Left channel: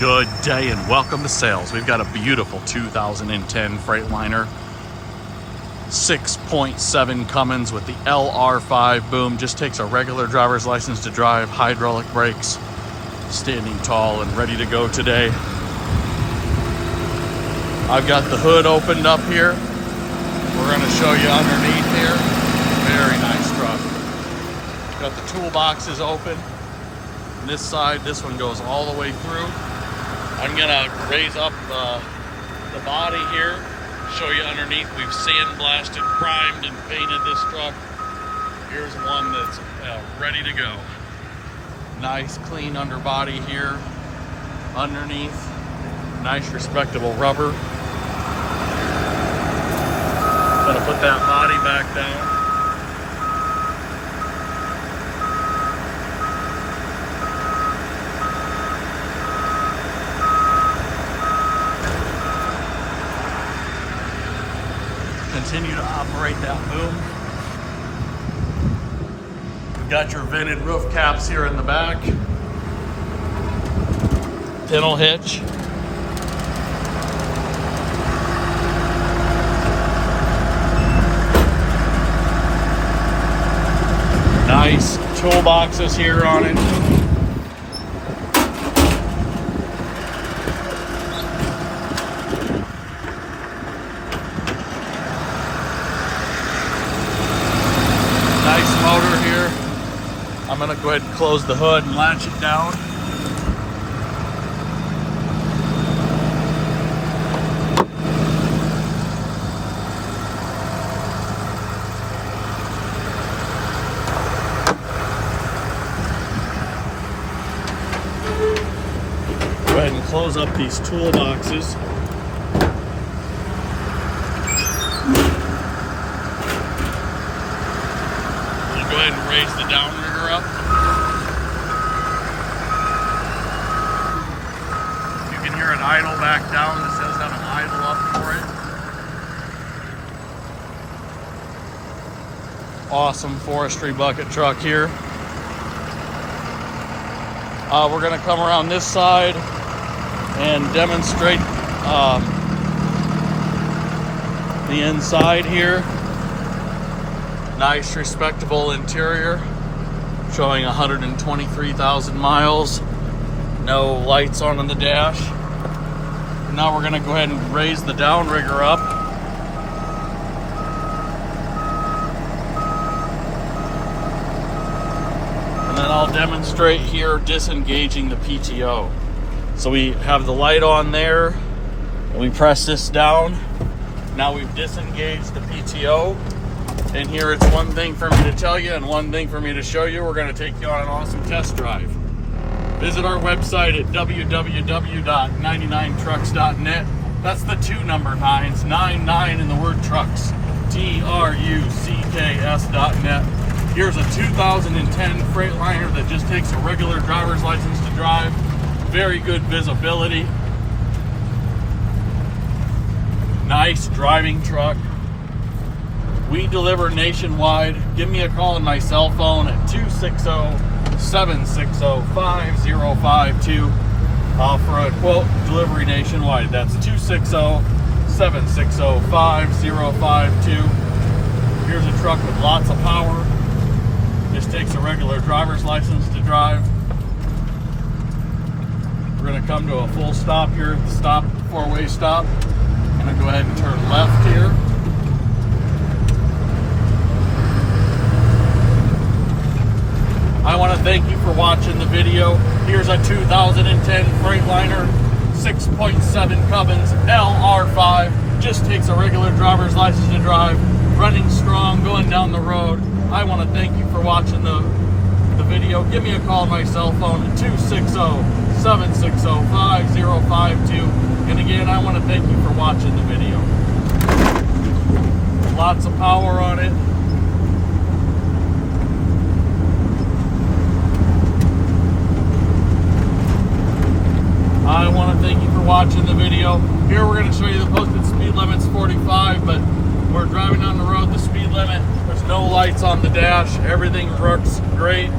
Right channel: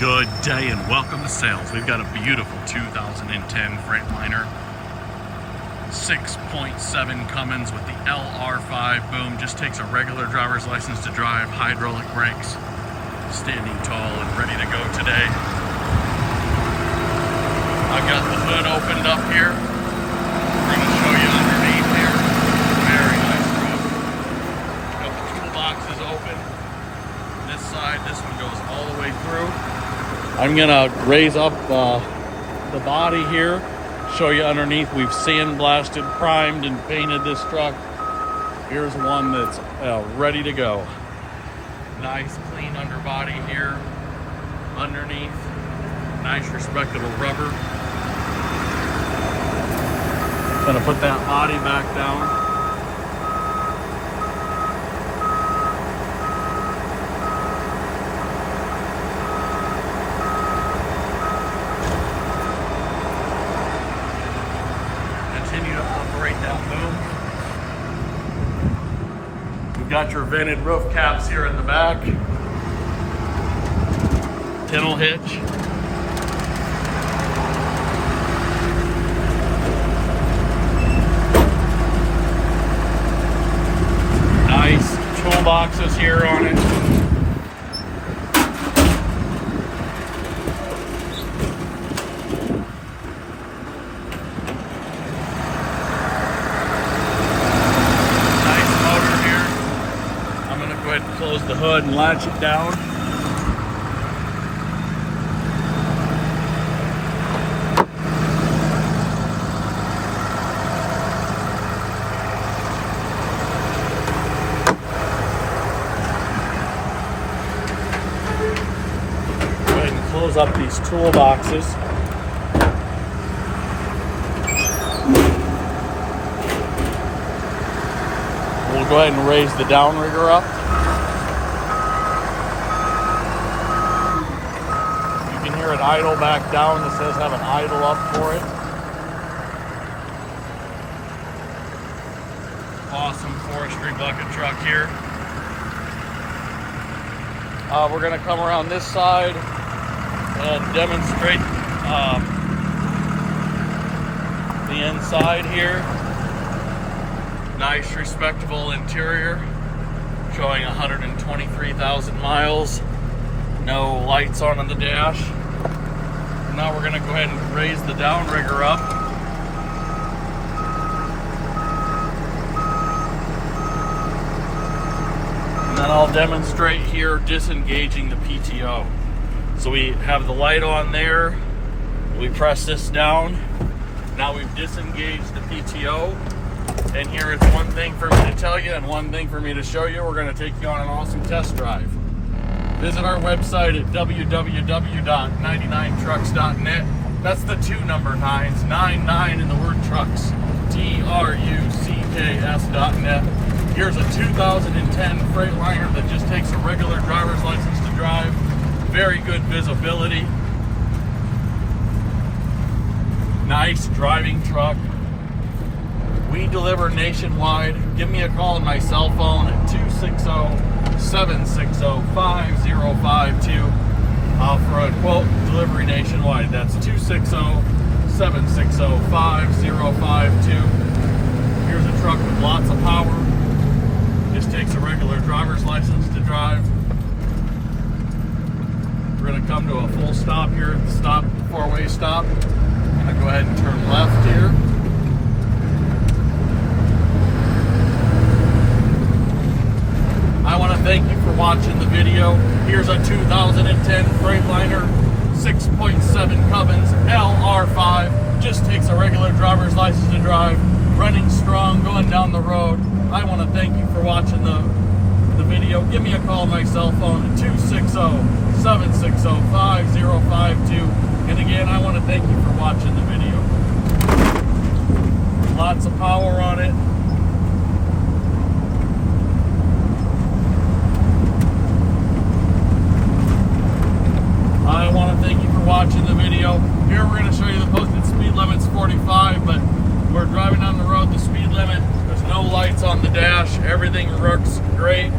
Good day and welcome to sales. We've got a beautiful 2010 Freightliner 6.7 Cummins with the LR5 boom. Just takes a regular driver's license to drive, hydraulic brakes, standing tall and ready to go today. I've got the hood opened up here. We're going to show you underneath here. Very nice truck. Got the toolboxes open. This side, this one goes all the way through. I'm gonna raise up the body here, show you underneath. We've sandblasted, primed, and painted this truck. Here's one that's ready to go. Nice, clean underbody here. Underneath, nice, respectable rubber. Gonna put that body back down. Continue to operate that boom. We've got your vented roof caps here in the back. Pintle hitch. Nice toolboxes here on it. Go ahead and close the hood and latch it down. Go ahead and close up these toolboxes. We'll go ahead and raise the downrigger up. Here at idle back down. This does have an idle up for it. Awesome forestry bucket truck here. We're going to come around this side and demonstrate the inside here. Nice, respectable interior, showing 123,000 miles. No lights on the dash. Now we're going to go ahead and raise the downrigger up. And then I'll demonstrate here disengaging the PTO. So we have the light on there, and we press this down. Now we've disengaged the PTO. And here it's one thing for me to tell you and one thing for me to show you. We're going to take you on an awesome test drive. Visit our website at www.99trucks.net. That's the 2 number 9s, 99 in the word trucks, trucks.net. Here's a 2010 Freightliner that just takes a regular driver's license to drive. Very good visibility. Nice driving truck. We deliver nationwide. Give me a call on my cell phone at 260-760-5052 for a quote delivery nationwide. That's 260-760-5052. Here's a truck with lots of power. Just takes a regular driver's license to drive. We're going to come to a full stop here at the stop, 4-way stop. I'm going to go ahead and turn left here. I want to thank you for watching the video. Here's a 2010 Freightliner 6.7 Cummins LR5. Just takes a regular driver's license to drive. Running strong, going down the road. I want to thank you for watching the video. Give me a call on my cell phone at 260-760-5052. And again, I want to thank you for watching the video. Lots of power on it. I want to thank you for watching the video. Here we're going to show you the posted speed limit's 45, but we're driving down the road, the speed limit. There's no lights on the dash. Everything works great.